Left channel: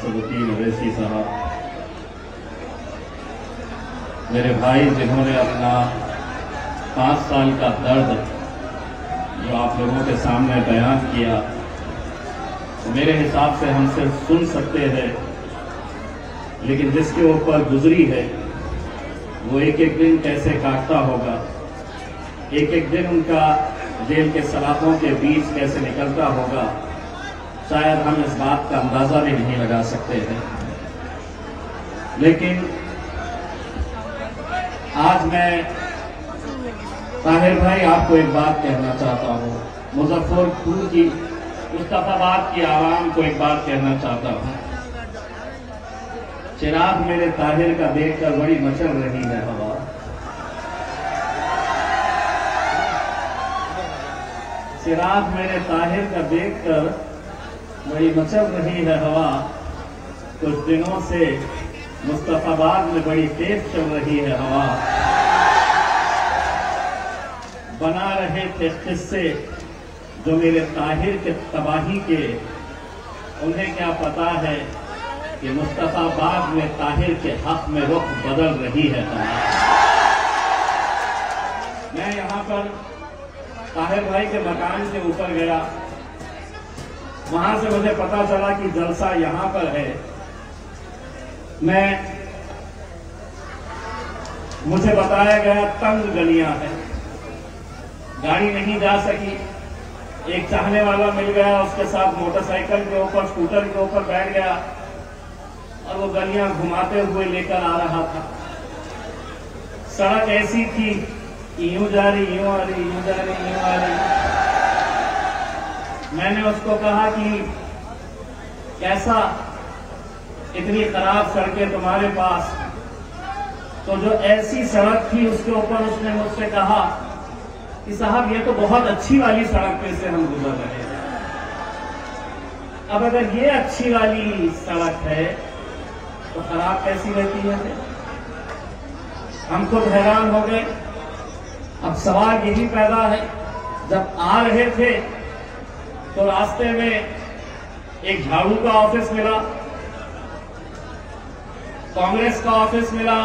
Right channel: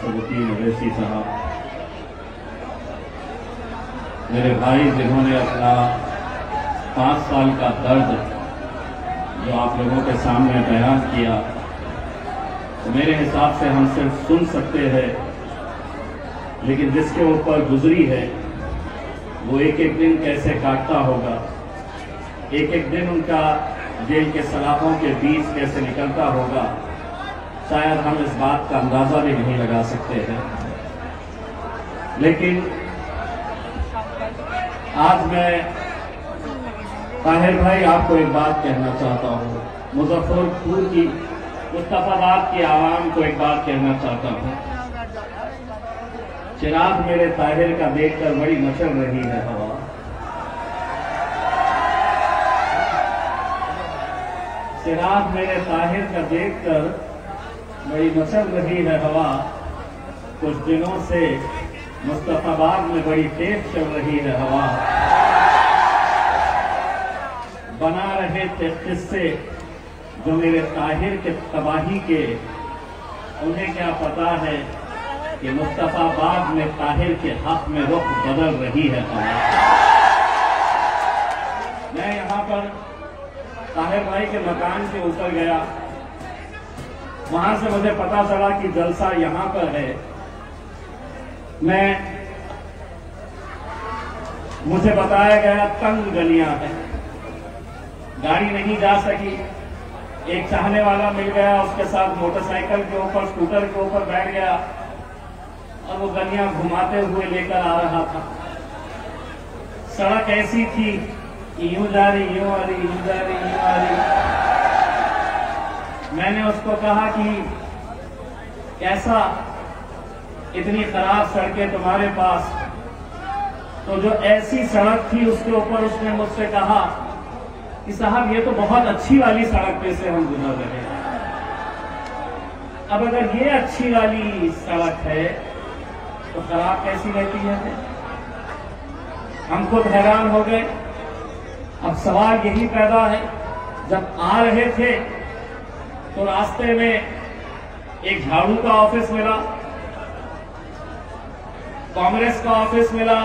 असदुद्दीन अवैसी साहब, मेरे भाई जिन्होंने अपना 5 साल का दर्द जो आप लोगों के सामने बयान किया, तो मेरे हिसाब से हम सिर्फ सुन सकते हैं, लेकिन जिसके ऊपर गुजरी है वो एक एक दिन कैसे काटता होगा, एक एक दिन उनका जेल के सलाखों के बीच कैसे निकलता होगा, शायद हम इस बात का अंदाजा भी नहीं लगा सकते हैं। लेकिन आज मैं ताहिर भाई आपको एक बात कहना चाहता हूं, मुजफ्फरपुर की, मुस्तफाबाद की आवाम को एक बात कहना चाहता हूं। चिराग मेरे ताहिर का देखकर बड़ी मचल रही है हवा, चिराग मेरे ताहिर का देखकर बड़ी मचल रही है हवा। कुछ दिनों से मुस्तफाबाद में बड़ी तेज चल रही है हवा। बना रहे थे किस्से जो मेरे ताहिर के तबाही के, उन्हें क्या पता है कि मुस्तफाबाद में ताहिर के हक में रुख बदल रही है हवा। मैं यहां पर ताहिर भाई के मकान के ऊपर गया, वहां से मुझे पता चला कि जलसा यहां पर है। मुझे बताया गया तंग गलियां हैं, गाड़ी नहीं जा सकी। एक चाहने वाला मिल गया, उसके साथ मोटरसाइकिल के ऊपर, स्कूटर के ऊपर बैठ गया और वो गलियां घुमाते हुए लेकर आ रहा था। सड़क ऐसी थी कि यूं जा रही, यूं आ रही, यूं जा रही, यूं आ रही। मैंने उसको कहा कि कैसा, इतनी खराब सड़कें तुम्हारे पास? तो जो ऐसी सड़क थी उसके ऊपर उसने मुझसे कहा कि साहब ये तो बहुत अच्छी वाली सड़क पे से हम गुजर रहे हैं। अब अगर ये अच्छी वाली सड़क है तो खराब कैसी लेती है? हम खुद हैरान हो गए। अब सवाल यही पैदा है, जब आ रहे थे तो रास्ते में एक झाड़ू का ऑफिस मिला, कांग्रेस का ऑफिस मिला,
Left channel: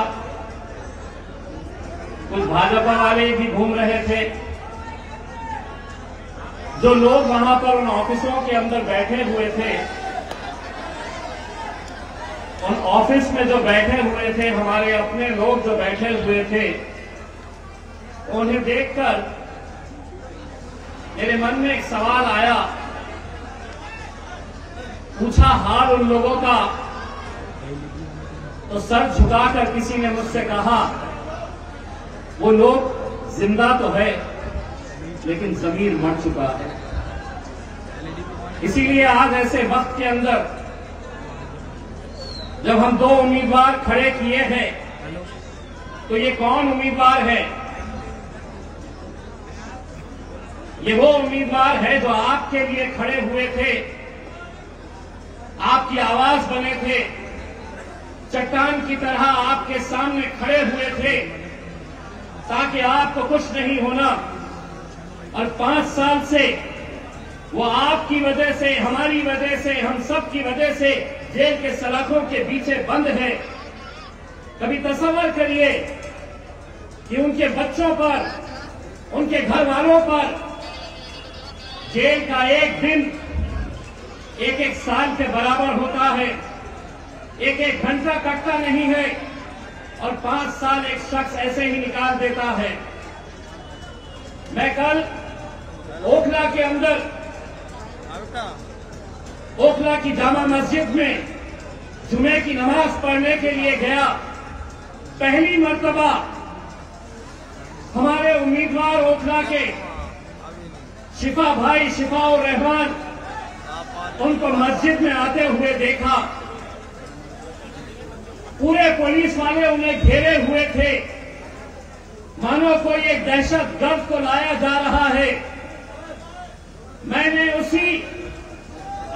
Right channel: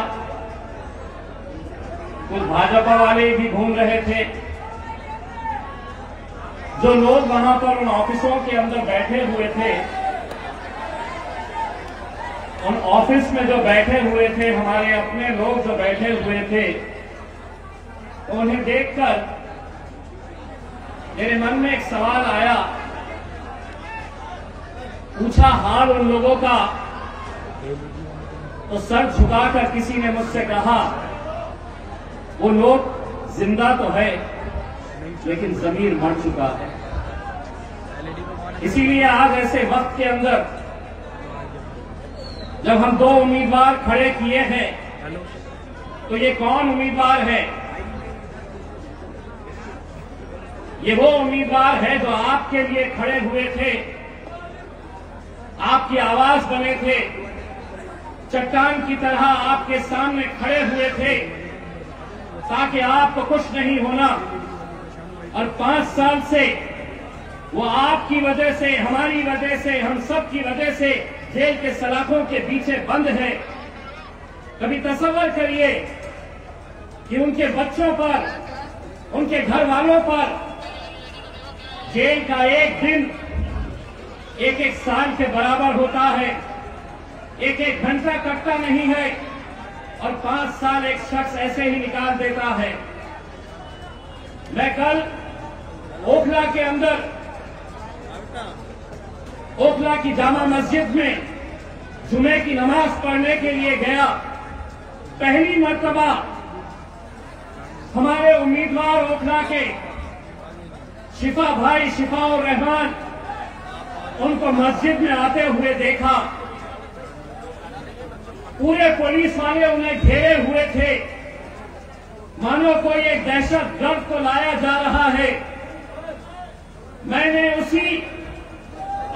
कुछ भाजपा वाले भी घूम रहे थे। जो लोग वहां पर उन ऑफिसों के अंदर बैठे हुए थे, उन ऑफिस में जो बैठे हुए थे, हमारे अपने लोग जो बैठे हुए थे, उन्हें देखकर मेरे मन में एक सवाल आया। पूछा हाल उन लोगों का, तो सर झुकाकर किसी ने मुझसे कहा वो लोग जिंदा तो है लेकिन जमीर मर चुका है। इसीलिए आज ऐसे वक्त के अंदर जब हम 2 उम्मीदवार खड़े किए हैं, तो ये कौन उम्मीदवार है? ये वो उम्मीदवार है जो आपके लिए खड़े हुए थे, आपकी आवाज बने थे, चट्टान की तरह आपके सामने खड़े हुए थे ताकि आपको कुछ नहीं होना। और 5 साल से वो आपकी वजह से, हमारी वजह से, हम सब की वजह से जेल के सलाखों के पीछे बंद है। कभी तसव्वुर करिए कि उनके बच्चों पर, उनके घर वालों पर जेल का एक दिन 1-1 साल के बराबर होता है, 1-1 घंटा कटता नहीं है, और 5 साल एक शख्स ऐसे ही निकाल देता है। मैं कल ओखला के अंदर, ओखला की जामा मस्जिद में जुमे की नमाज पढ़ने के लिए गया। पहली मर्तबा हमारे उम्मीदवार ओखला के शिफा भाई, शिफाउर रहमान, उनको मस्जिद में आते हुए देखा। पूरे पुलिस वाले उन्हें घेरे हुए थे, मानो कोई एक दहशत गर्द को लाया जा रहा है। मैंने उसी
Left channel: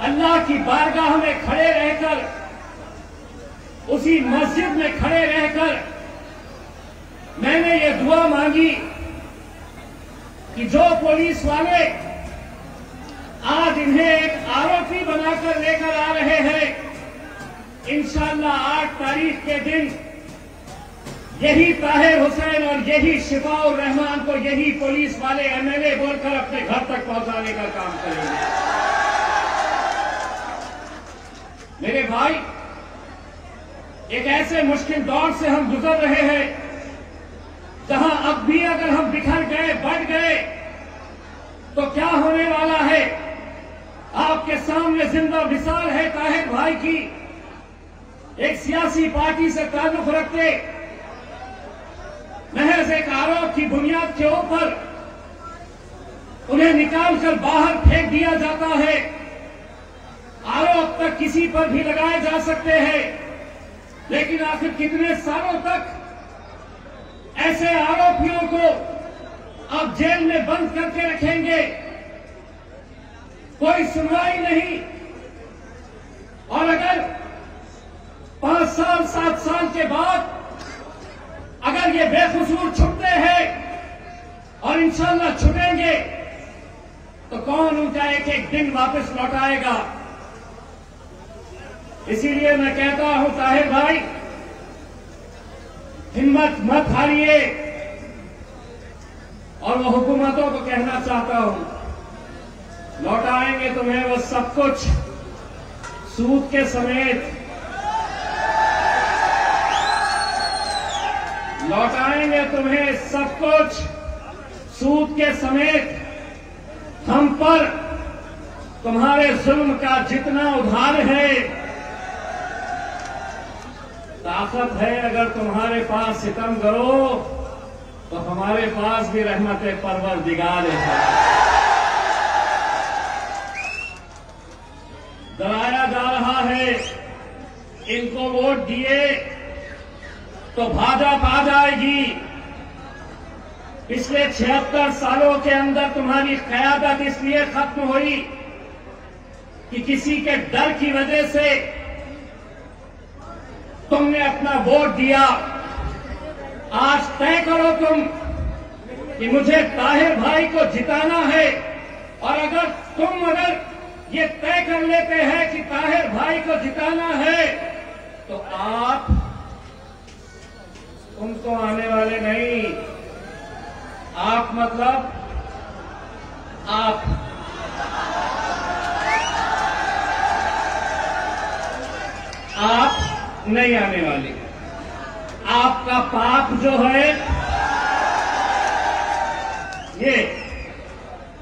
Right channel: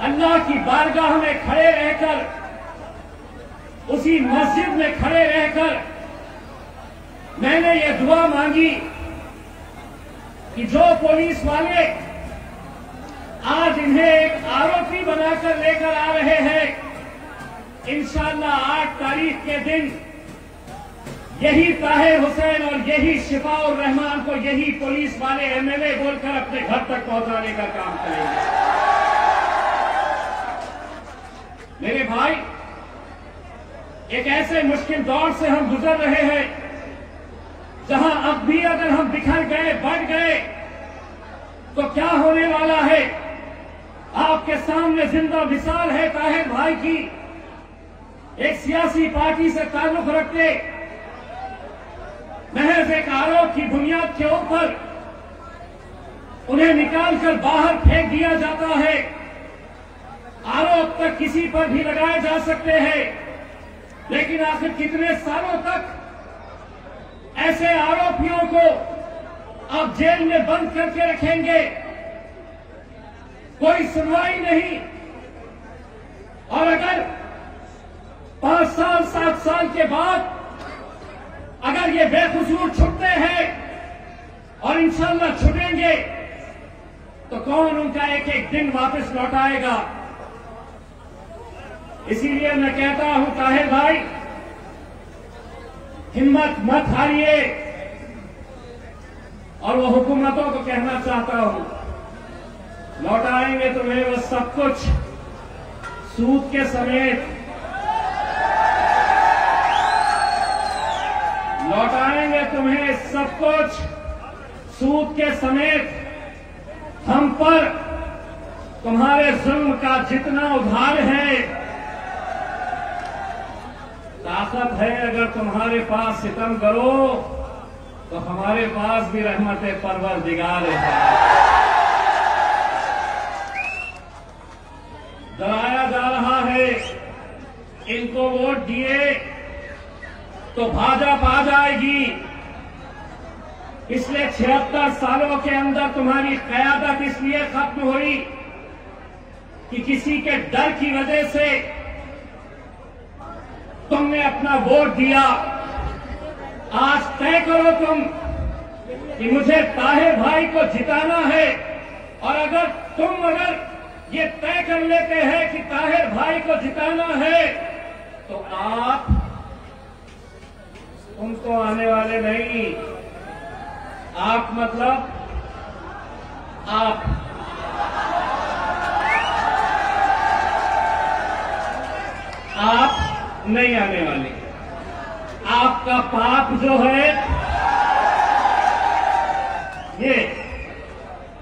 अल्लाह की बारगाह में खड़े रहकर, उसी मस्जिद में खड़े रहकर मैंने ये दुआ मांगी कि जो पुलिस वाले आज इन्हें एक आरोपी बनाकर लेकर आ रहे हैं, इंशाअल्लाह 8 तारीख के दिन यही ताहिर हुसैन और यही शिफाउर रहमान को यही पुलिस वाले एमएलए बोलकर अपने घर तक पहुंचाने का काम करेंगे। मेरे भाई, एक ऐसे मुश्किल दौर से हम गुजर रहे हैं जहां अब भी अगर हम बिखर गए, बढ़ गए, तो क्या होने वाला है। आपके सामने जिंदा मिसाल है ताहिर भाई की। एक सियासी पार्टी से ताल्लुक रखते, महज एक आरोप की बुनियाद के ऊपर उन्हें निकालकर बाहर फेंक दिया जाता है। आरोप तक किसी पर भी लगाए जा सकते हैं, लेकिन आखिर कितने सालों तक ऐसे आरोपियों को आप जेल में बंद करके रखेंगे? कोई सुनवाई नहीं। और अगर 5 साल 7 साल के बाद अगर ये बेकसूर छुटते हैं और इंशाअल्लाह छुटेंगे, तो कौन उनका एक एक दिन वापस लौटाएगा? इसीलिए मैं कहता हूं ताहिर भाई, हिम्मत मत हारिए। और वो हुकूमतों को कहना चाहता हूं, लौटाएंगे तुम्हें वो सब कुछ सूद के समेत, लौटाएंगे तुम्हें सब कुछ सूद के समेत। हम पर तुम्हारे जुल्म का जितना उधार है, ताकत है अगर तुम्हारे पास सितम करो तो हमारे पास भी रहमत परवरदिगार है। डराया जा रहा है, इनको वोट दिए तो भाजपा आ जाएगी। पिछले 76 सालों के अंदर तुम्हारी कयादत इसलिए खत्म हुई कि किसी के डर की वजह से तुमने अपना वोट दिया। आज तय करो तुम कि मुझे ताहिर भाई को जिताना है, और अगर तुम ये तय कर लेते हैं कि ताहिर भाई को जिताना है, तो तुम तो आने वाले नहीं। आप मतलब आप नहीं आने वाले। आपका पाप जो है ये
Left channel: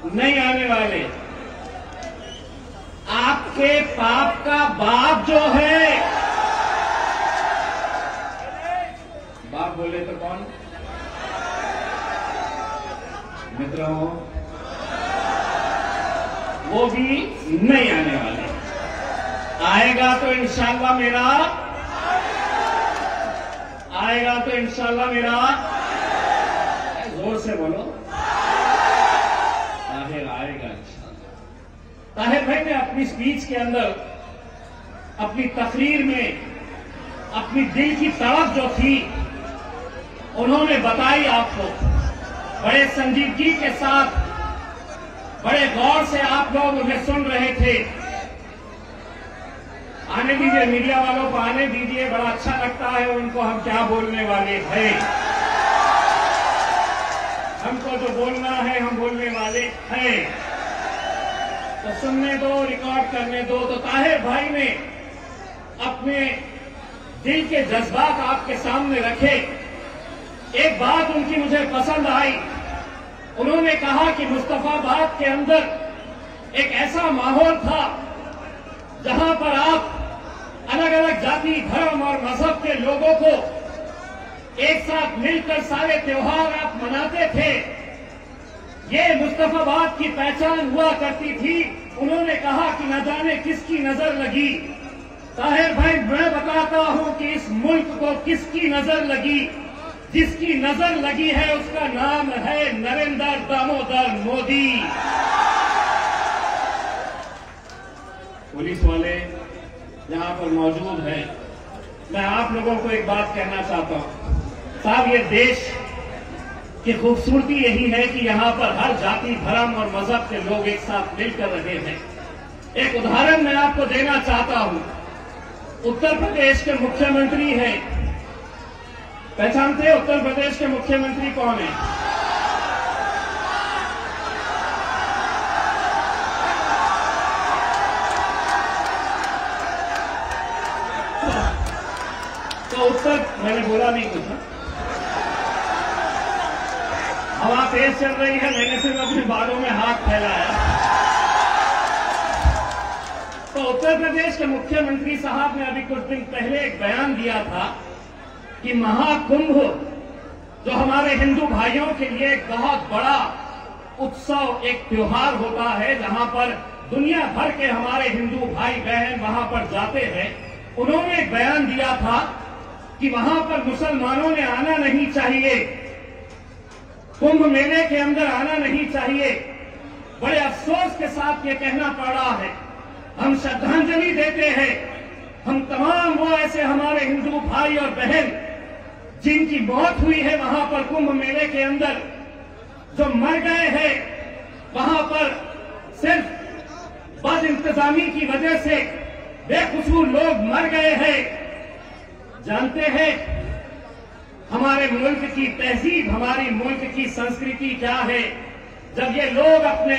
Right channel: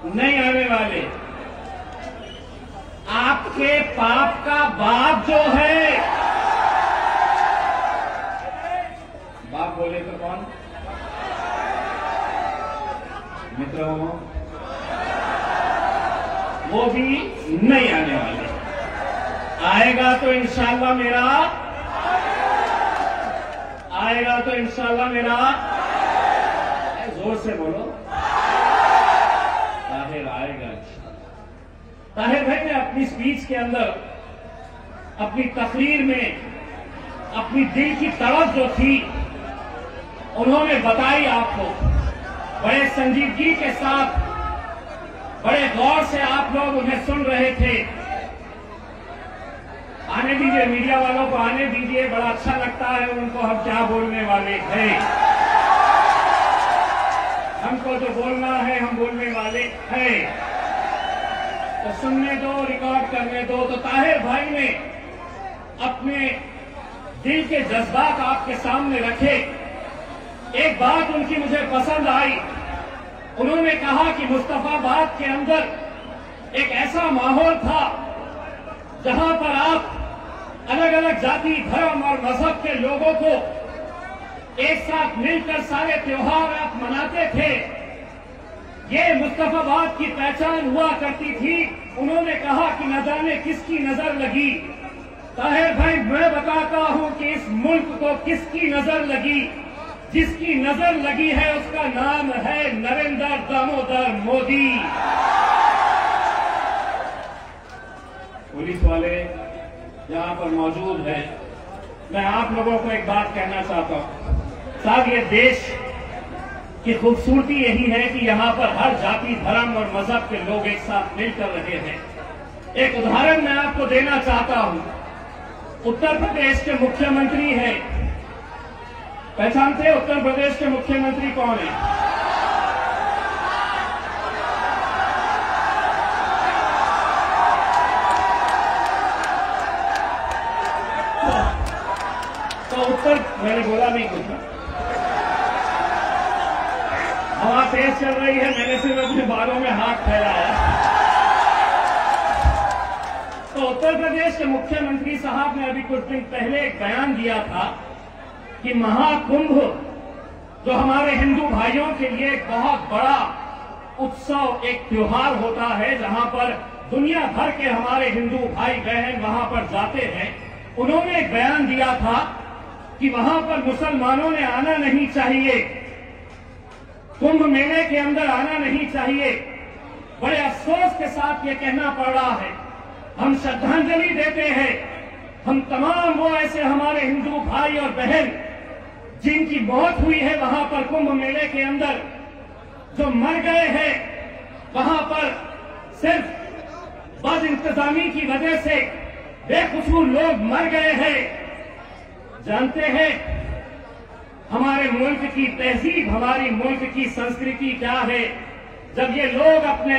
नहीं आने वाले। आपके पाप का बाप जो है, बाप बोले तो कौन? मित्रों, वो भी नहीं आने वाले। आएगा तो इंशाअल्लाह मेरा, आएगा तो इंशाअल्लाह मेरा, जोर से बोलो, ताहिर आएगा। ताहिर भाई ने अपनी स्पीच के अंदर, अपनी तकरीर में अपनी दिल की तड़प जो थी उन्होंने बताई आपको। बड़े संजीदगी के साथ, बड़े गौर से आप लोग उन्हें सुन रहे थे। आने दीजिए, मीडिया वालों को आने दीजिए, बड़ा अच्छा लगता है उनको हम क्या बोलने वाले हैं। हमको जो बोलना है हम बोलने वाले हैं, तो सुनने दो, रिकॉर्ड करने दो। तो ताहिर भाई ने अपने दिल के जज्बात आपके सामने रखे। एक बात उनकी मुझे पसंद आई। उन्होंने कहा कि मुस्तफाबाद के अंदर एक ऐसा माहौल था जहां पर आप अलग अलग जाति, धर्म और मजहब के लोगों को एक साथ मिलकर सारे त्योहार आप मनाते थे। ये मुस्तफाबाद की पहचान हुआ करती थी। उन्होंने कहा कि न जाने किसकी नजर लगी। ताहिर भाई, मैं बताता हूं कि इस मुल्क को किसकी नजर लगी। जिसकी नजर लगी है उसका नाम है नरेंद्र दामोदर मोदी। पुलिस वाले यहां पर मौजूद हैं, मैं आप लोगों को एक बात कहना चाहता हूं। साहब, ये देश की खूबसूरती यही है कि यहां पर हर जाति, धर्म और मजहब के लोग एक साथ मिलकर रहे हैं। एक उदाहरण मैं आपको देना चाहता हूं। उत्तर प्रदेश के मुख्यमंत्री हैं। पहचानते हैं उत्तर प्रदेश के मुख्यमंत्री कौन है? तो उत्तर, मैंने बोला नहीं कुछ, हवा तेज चल रही है, मैंने सिर्फ अपने बालों में हाथ फैलाया। तो उत्तर प्रदेश के मुख्यमंत्री साहब ने अभी कुछ दिन पहले एक बयान दिया था कि महाकुंभ जो हमारे हिंदू भाइयों के लिए एक बहुत बड़ा उत्सव, एक त्योहार होता है, जहां पर दुनिया भर के हमारे हिंदू भाई बहन वहां पर जाते हैं। उन्होंने एक बयान दिया था कि वहां पर मुसलमानों ने आना नहीं चाहिए, कुंभ मेले के अंदर आना नहीं चाहिए। बड़े अफसोस के साथ ये कहना पड़ रहा है। हम श्रद्धांजलि देते हैं, हम तमाम वो ऐसे हमारे हिंदू भाई और बहन जिनकी मौत हुई है वहां पर कुंभ मेले के अंदर, जो मर गए हैं वहां पर सिर्फ बद इंतजामी की वजह से बेकसूर लोग मर गए हैं। जानते हैं हमारे मुल्क की तहजीब, हमारी मुल्क की संस्कृति क्या है? जब ये लोग अपने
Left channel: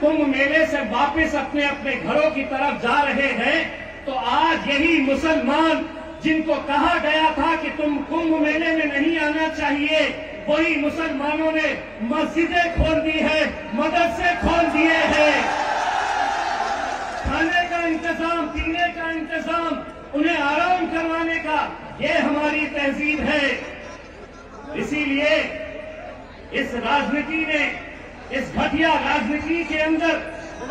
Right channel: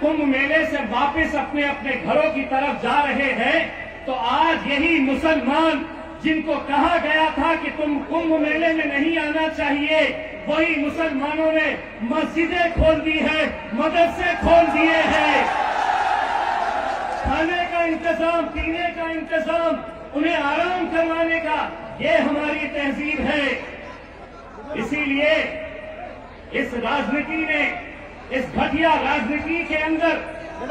कुंभ मेले से वापस अपने अपने घरों की तरफ जा रहे हैं, तो आज यही मुसलमान जिनको कहा गया था कि तुम कुंभ मेले में नहीं आना चाहिए, वही मुसलमानों ने मस्जिदें खोल दी है, मदरसे खोल दिए हैं। खाने का इंतजाम, पीने का इंतजाम, उन्हें आराम करवाने का, ये हमारी तहजीब है। इसीलिए इस राजनीति ने, इस घटिया राजनीति के अंदर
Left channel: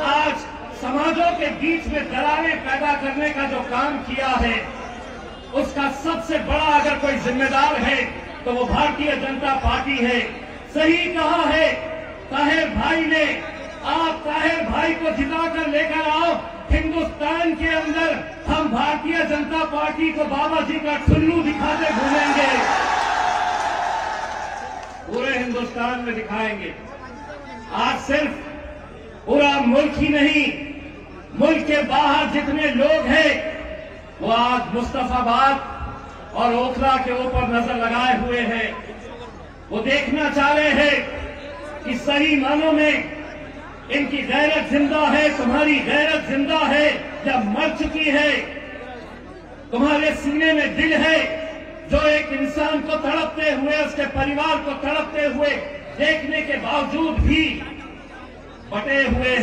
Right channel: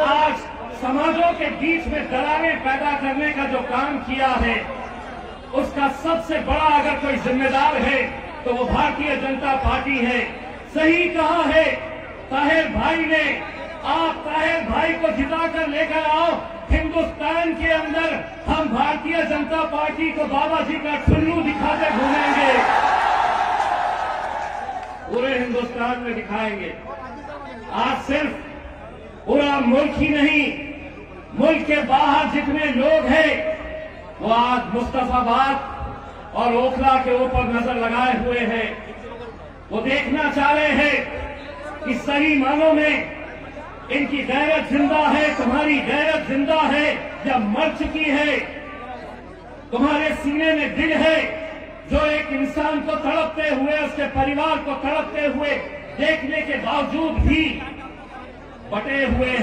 आज समाजों के बीच में दरारें पैदा करने का जो काम किया है, उसका सबसे बड़ा अगर कोई जिम्मेदार है तो वो भारतीय जनता पार्टी है। सही कहा है ताहिर भाई ने, आप ताहिर भाई को जिताकर लेकर आओ, हिंदुस्तान के अंदर हम भारतीय जनता पार्टी को बाबा जी का ठुल्लू दिखाते घूमेंगे, पूरे हिंदुस्तान में दिखाएंगे। आज सिर्फ पूरा मुल्क ही नहीं, मुल्क के बाहर जितने लोग हैं वो आज मुस्तफाबाद और ओखला के ऊपर नजर लगाए हुए हैं। वो देखना चाह रहे हैं कि सही मानों में इनकी गैरत जिंदा है, तुम्हारी गैरत जिंदा है या मर चुकी है? तुम्हारे सीने में दिल है जो एक इंसान को तड़पते हुए, उसके परिवार को तड़पते हुए देखने के बावजूद भी बटे हुए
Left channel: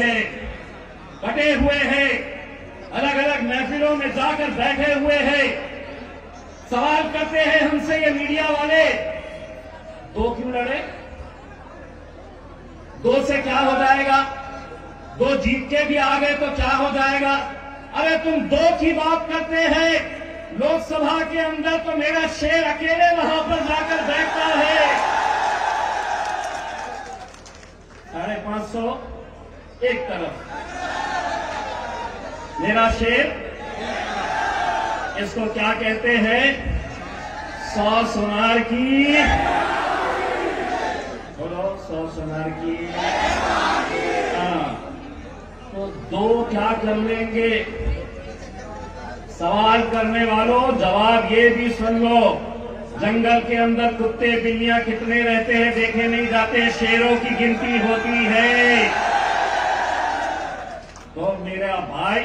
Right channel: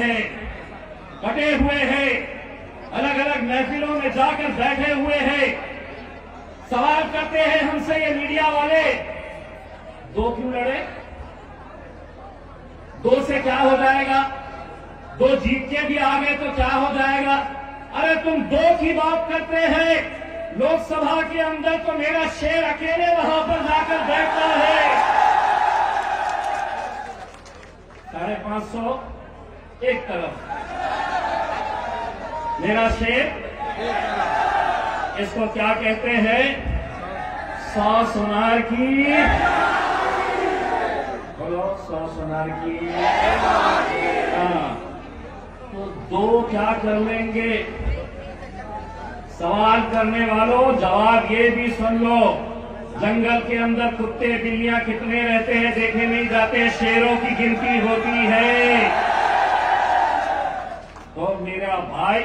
हैं, अलग अलग महफिलों में जाकर बैठे हुए हैं। सवाल करते हैं हमसे ये मीडिया वाले, दो क्यों लड़े? दो से क्या हो जाएगा? दो जीत के भी आ गए तो क्या हो जाएगा? अरे तुम दो की बात करते हैं, लोकसभा के अंदर तो मेरा शेर अकेले वहां पर जाकर बैठता है। 550 एक तरफ, मेरा शेर, इसको क्या कहते हैं? 100 सोनार की, बोलो 100 सोनार की। तो दो क्या कर लेंगे? सवाल करने वालों जवाब ये भी सुन लो, जंगल के अंदर कुत्ते बिल्लियां कितने रहते हैं देखे नहीं जाते, शेरों की गिनती होती है। तो मेरा भाई,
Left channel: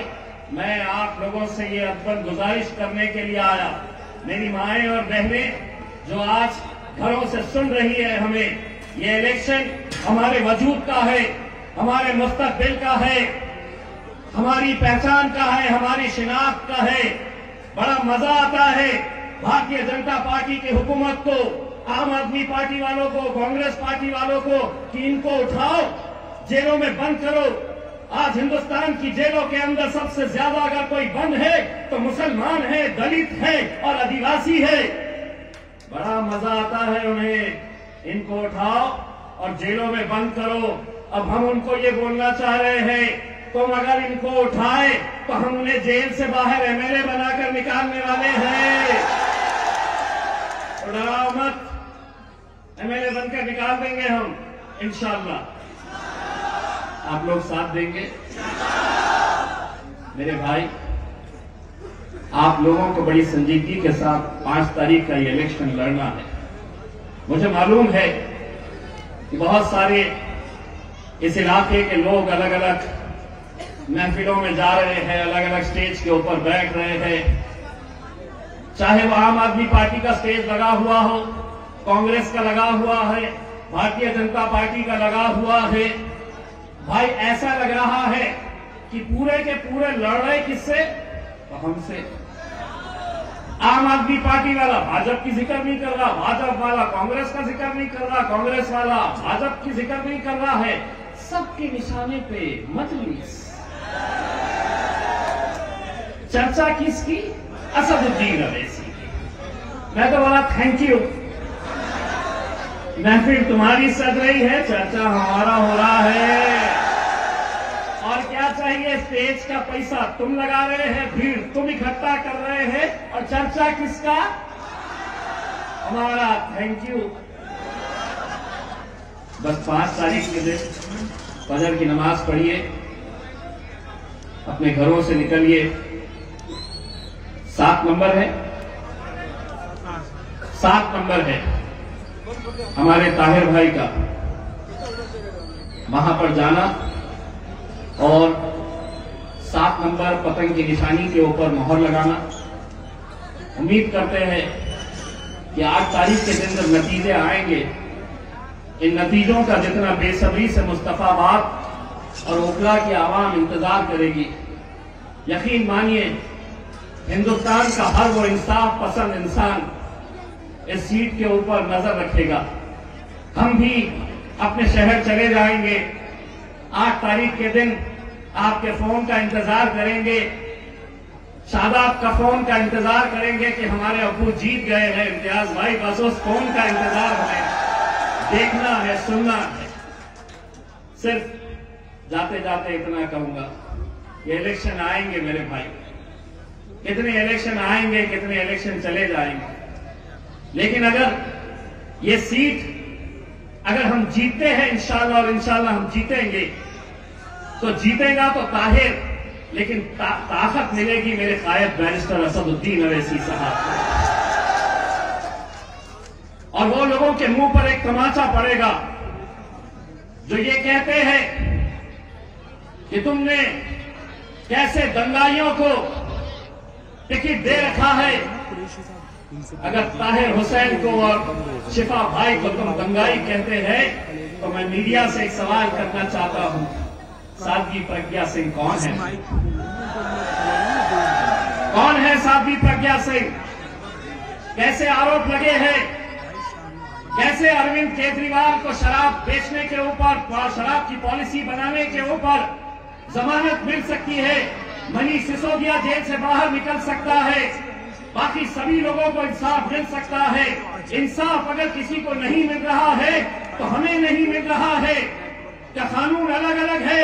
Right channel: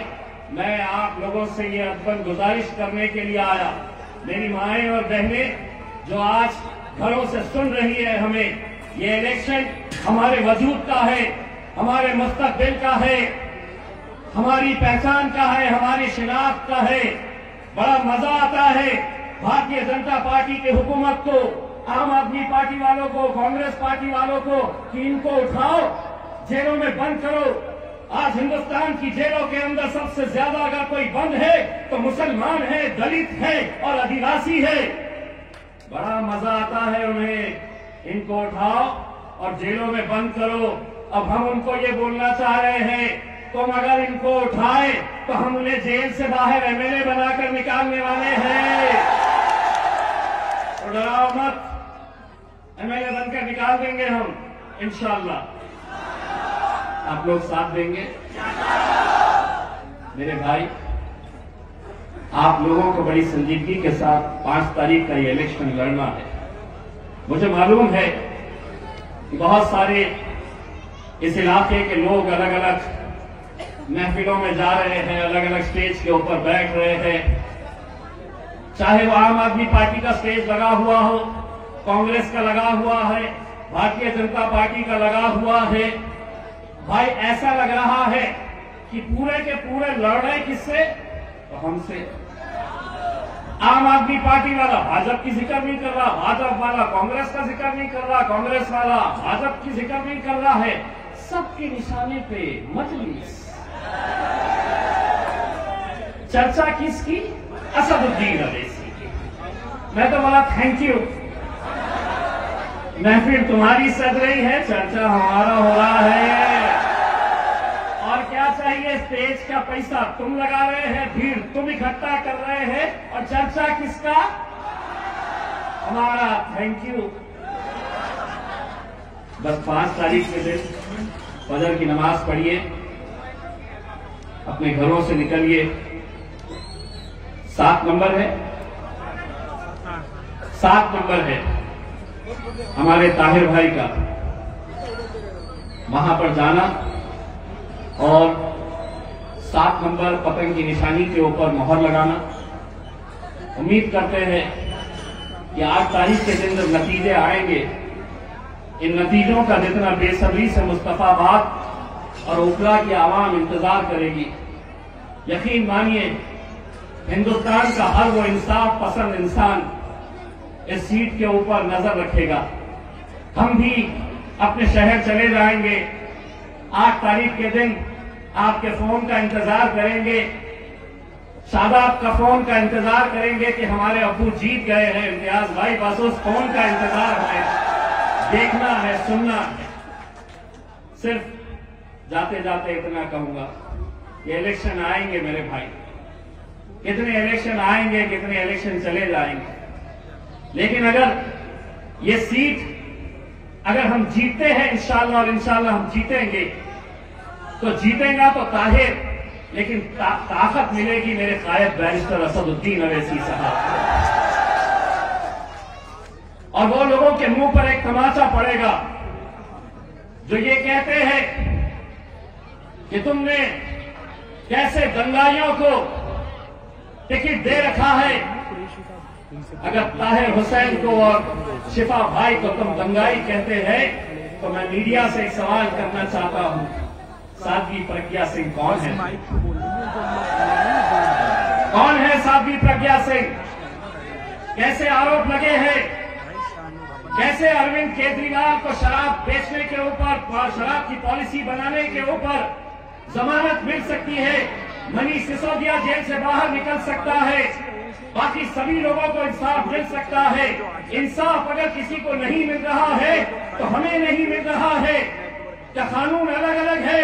मैं आप लोगों से ये अदबन गुजारिश करने के लिए आया, मेरी माएं और बहनें जो आज घरों से सुन रही है हमें, ये इलेक्शन हमारे वजूद का है, हमारे मुस्तकबिल का है, हमारी पहचान का है, हमारी शिनाख्त का है। बड़ा मजा आता है भारतीय जनता पार्टी की हुकूमत को, आम आदमी पार्टी वालों को, कांग्रेस पार्टी वालों को कि इनको उठाओ, जेलों में बंद करो। आज हिंदुस्तान की जेलों के अंदर सबसे ज्यादा अगर कोई बंद है तो मुसलमान है, दलित है और आदिवासी है। बड़ा मजा आता है उन्हें, इनको उठाओ और जेलों में बंद करो। अब हम उनको ये बोलना चाह रहे हैं, तुम अगर इनको उठाए तो हम उन्हें जेल से बाहर एमएलए बनाकर निकालने वाले हैं। डराओ मत, एमएलए बनकर निकाल देंगे हम इंशाअल्लाह। आप लोग साथ देंगे? मेरे भाई, आप लोगों को बड़ी संजीदगी के साथ 5 तारीख का ये इलेक्शन लड़ना है। मुझे मालूम है कि बहुत सारे इस इलाके के लोग अलग अलग महफिलों में जा रहे हैं, अलग अलग स्टेज के ऊपर बैठ रहे हैं, चाहे वो आम आदमी पार्टी का स्टेज लगा हुआ हो, कांग्रेस का लगा हुआ है, भारतीय जनता पार्टी का लगा हुआ है। भाई ऐसा लग रहा है कि पूरे के पूरे लड़ रहे किससे? तो हमसे। आम आदमी पार्टी वाला भाजपा की जिक्र नहीं कर रहा, भाजपा वाला कांग्रेस का जिक्र नहीं कर रहा, कांग्रेस वाला भाजपा की जिक्र नहीं कर रहा है। सबकी निशाने पे मजलिस। चर्चा किसकी? असदुद्दीन अवैसी की। मैं तो बोला थैंक यू, महफिल तुम्हारी सज रही है, चर्चा हमारा हो रहा है। और क्या चाहिए? स्टेज का पैसा तुम लगा रहे हैं, भीड़ तुम इकट्ठा कर रहे हैं, और चर्चा किसका? हमारा। Thank you. बस 5 तारीख के दिन फजर की नमाज पढ़िए, अपने घरों से निकलिए। 7 नंबर है, 7 नंबर है हमारे ताहिर भाई का, वहां पर जाना और 7 नंबर पतंग की निशानी के ऊपर मोहर लगाना। उम्मीद करते हैं कि 8 तारीख के दिन जब नतीजे आएंगे, इन नतीजों का जितना बेसब्री से मुस्तफाबाद और ओखला की आवाम इंतजार करेगी, यकीन मानिए हिंदुस्तान का हर वो इंसाफ पसंद इंसान इस सीट के ऊपर नजर रखेगा। हम भी अपने शहर चले जाएंगे, 8 तारीख के दिन आपके फोन का इंतजार करेंगे, शादाब का फोन का इंतजार करेंगे कि हमारे अबू जीत गए हैं। इम्तियाज भाई बस उस फोन का इंतजार है, देखना है, सुनना है। सिर्फ जाते जाते इतना कहूंगा, ये इलेक्शन आएंगे मेरे भाई, कितने इलेक्शन आएंगे, कितने इलेक्शन चले जाएंगे, लेकिन अगर ये सीट अगर हम जीतते हैं इंशाल्लाह, और इंशाल्लाह हम जीतेंगे, तो जीतेगा तो ताहिर, लेकिन ताकत मिलेगी मेरे कायद बैरिस्टर असदुद्दीन अवैसी साहब। और वो लोगों के मुंह पर एक तमाचा पड़ेगा जो ये कहते हैं कि तुमने कैसे दंगाइयों को टिकट दे रखा है। अगर ताहिर हुसैन को और शिफा भाई को तुम दंगाई कहते हैं, तो मैं मीडिया से एक सवाल करना चाहता हूं, साध्वी प्रज्ञा सिंह कौन है? कौन है साध्वी प्रज्ञा सिंह? कैसे आरोप लगे हैं, कैसे अरविंद केजरीवाल को शराब बेचने के ऊपर, शराब की पॉलिसी बनाने के ऊपर जमानत मिल सकती है, मनीष सिसोदिया जेल से बाहर निकल सकता है, बाकी सभी लोगों को इंसाफ मिल सकता है। इंसाफ अगर किसी को नहीं मिल रहा है तो हमें नहीं मिल रहा है। क्या कानून अलग अलग है?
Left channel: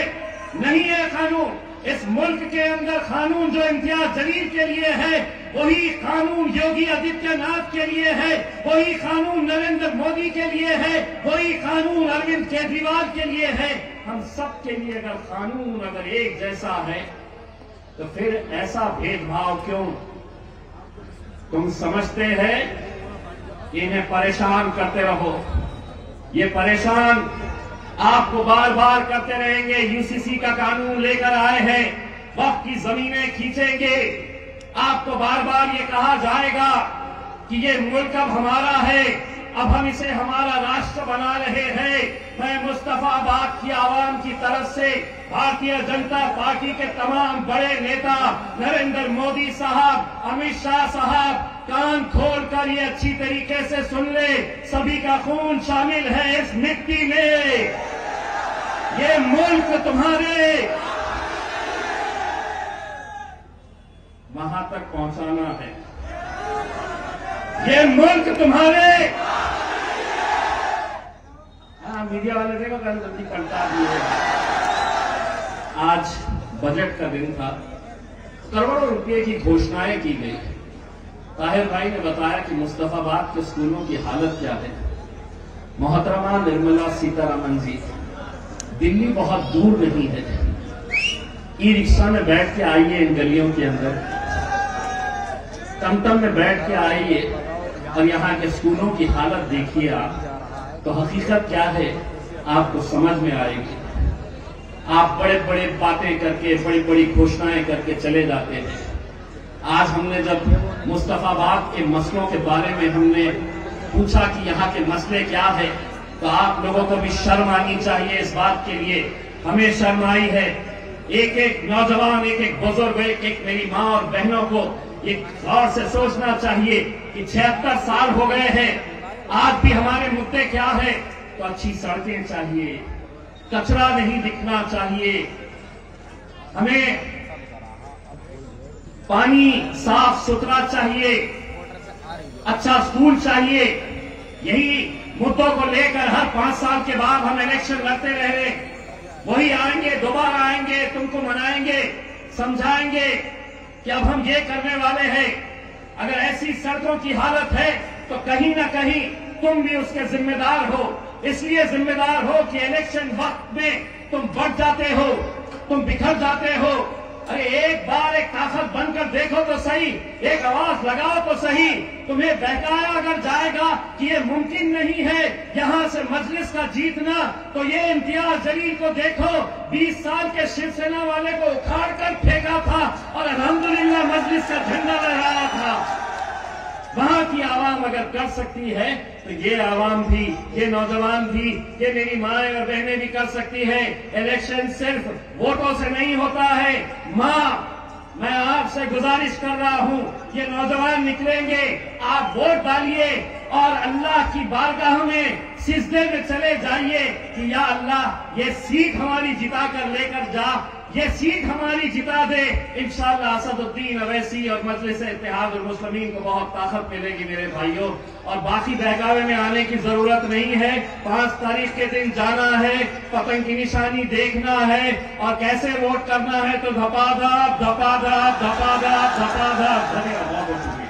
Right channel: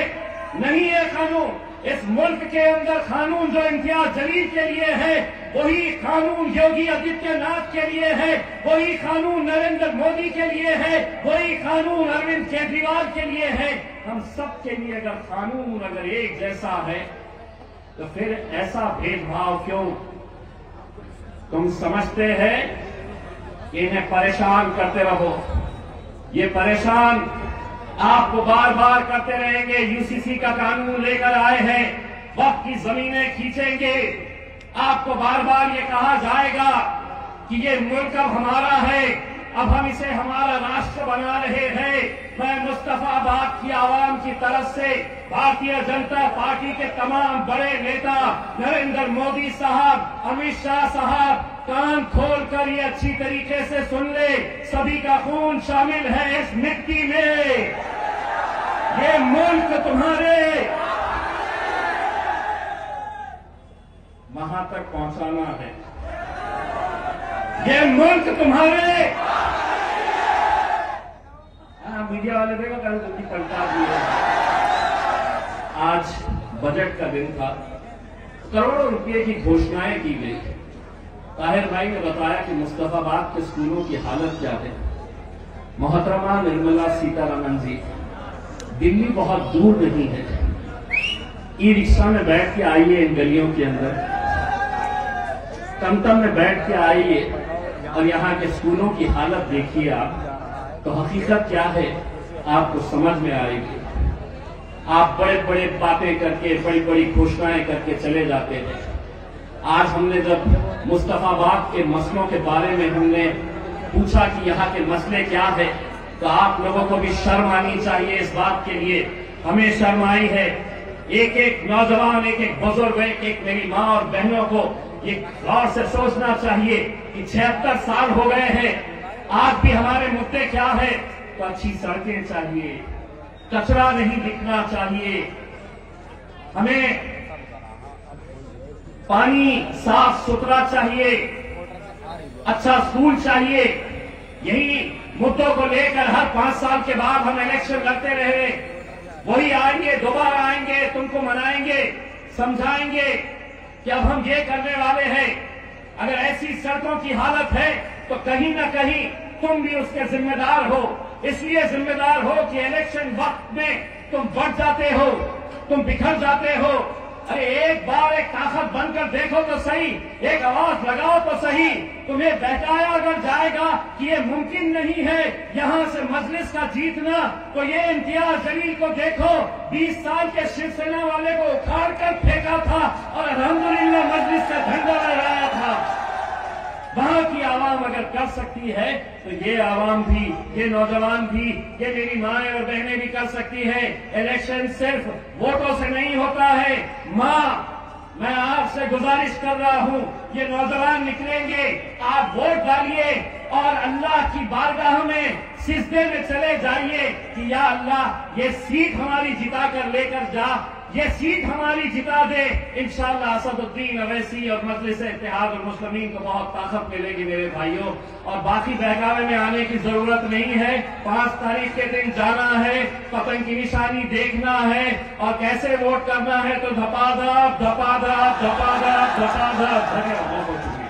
नहीं है कानून। इस मुल्क के अंदर कानून जो इम्तियाज जलील के लिए है, वही कानून योगी आदित्यनाथ के लिए है, वही कानून नरेंद्र मोदी के लिए है, वही कानून अरविंद केजरीवाल के लिए है। हम सब के लिए अगर कानून अगर एक जैसा है, तो फिर ऐसा भेदभाव क्यों? तुम समझते हैं कि इन्हें परेशान करते रहो, ये परेशान आपको बार बार करते रहेंगे। यूसीसी का कानून लेकर आए हैं, वक्त की जमीनें खींचेंगे, आपको बार बार ये कहा जाएगा कि ये मुल्क अब हमारा है, अब हम इसे हमारा राष्ट्र बना रहे हैं। मैं मुस्तफाबाद की आवाम की तरफ से भारतीय जनता पार्टी के तमाम बड़े नेता नरेंद्र मोदी साहब, अमित शाह साहब, कान खोलकर ये अच्छी तरीके से सुन ले, सभी का खून शामिल है इस मिट्टी में। ये मुल्क तुम्हारे वहां तक पहुंचाना है, ये मुल्क तुम्हारे। मीडिया वाले देखो कल जल्दी पलटा दिए। आज बजट का दिन था, करोड़ों रुपए की घोषणाएं की गई। ताहिर भाई ने बताया कि मुस्तफाबाद के स्कूलों की हालत क्या है। मोहतरमा निर्मला सीतारमण जी, दिल्ली बहुत दूर नहीं है, ई रिक्शा में बैठ के आइए इन गलियों के अंदर, टमटम में बैठ के आइए और यहाँ के स्कूलों की हालत देखिए आप, तो हकीकत क्या है आपको समझ में आएगी। आप बड़े बड़े बातें करके, बड़ी बड़ी घोषणाएं करके चले जाते हैं। आज हमने जब मुस्तफाबाद के मसलों के बारे में हमने पूछा कि यहाँ के मसले क्या है, तो आप लोगों को भी शर्म आनी चाहिए इस बात के लिए। हमें शर्म आई है। एक एक नौजवान, एक एक बुजुर्ग, एक एक मेरी माँ और बहनों को एक गौर से सोचना चाहिए कि 76 साल हो गए हैं, आज भी हमारे मुद्दे क्या है। तो अच्छी सड़कें चाहिए, कचरा नहीं दिखना चाहिए, हमें पानी साफ सुथरा चाहिए, अच्छा स्कूल चाहिए। यही मुद्दों को लेकर हर 5 साल के बाद हम इलेक्शन लड़ते रहे। वही आएंगे, दोबारा आएंगे, तुमको मनाएंगे, समझाएंगे कि अब हम ये करने वाले हैं। अगर ऐसी सड़कों की हालत है तो कहीं ना कहीं तुम भी उसके जिम्मेदार हो। इसलिए जिम्मेदार हो कि इलेक्शन वक्त में तुम बढ़ जाते हो, तुम बिखर जाते हो। अरे एक बार एक ताकत बनकर देखो तो सही, एक आवाज लगाओ तो सही। तुम्हें बहकाया अगर जाएगा कि ये मुमकिन नहीं है यहां से मजलिस का जीतना, तो ये इम्तियाज जलील को देखो, 20 साल के शिवसेना वाले को उखाड़ कर फेंका था और अल्हम्दुलिल्लाह मजलिस का झंडा लहराया था। वहां की आवाम अगर कर सकती है तो ये आवाम भी, ये नौजवान भी, ये मेरी माएं और बहनें भी कर सकती हैं। इलेक्शन सिर्फ वोटों से नहीं होता है। मां, मैं आपसे गुजारिश कर रहा हूं, ये नौजवान निकलेंगे, आप वोट डालिए और अल्लाह की बारगाह में सिजदे में चले जाइए कि या अल्लाह ये सीट हमारी जिता कर लेकर जा, ये सीट हमारी जिता दे। इंशाअल्लाह असदुद्दीन अवैसी और मजलिस इत्तेहाद और मुस्लिमीन को बहुत ताकत मिलेगी मेरे भाइयों। और बाकी बहकावे में आने की जरूरत नहीं है। 5 तारीख के दिन जाना है, पतंग की निशानी देखना है और कैसे वोट करना है तो धपाधप धपाधप धपाधप धपाधप। धन्यवाद, बहुत शुक्रिया।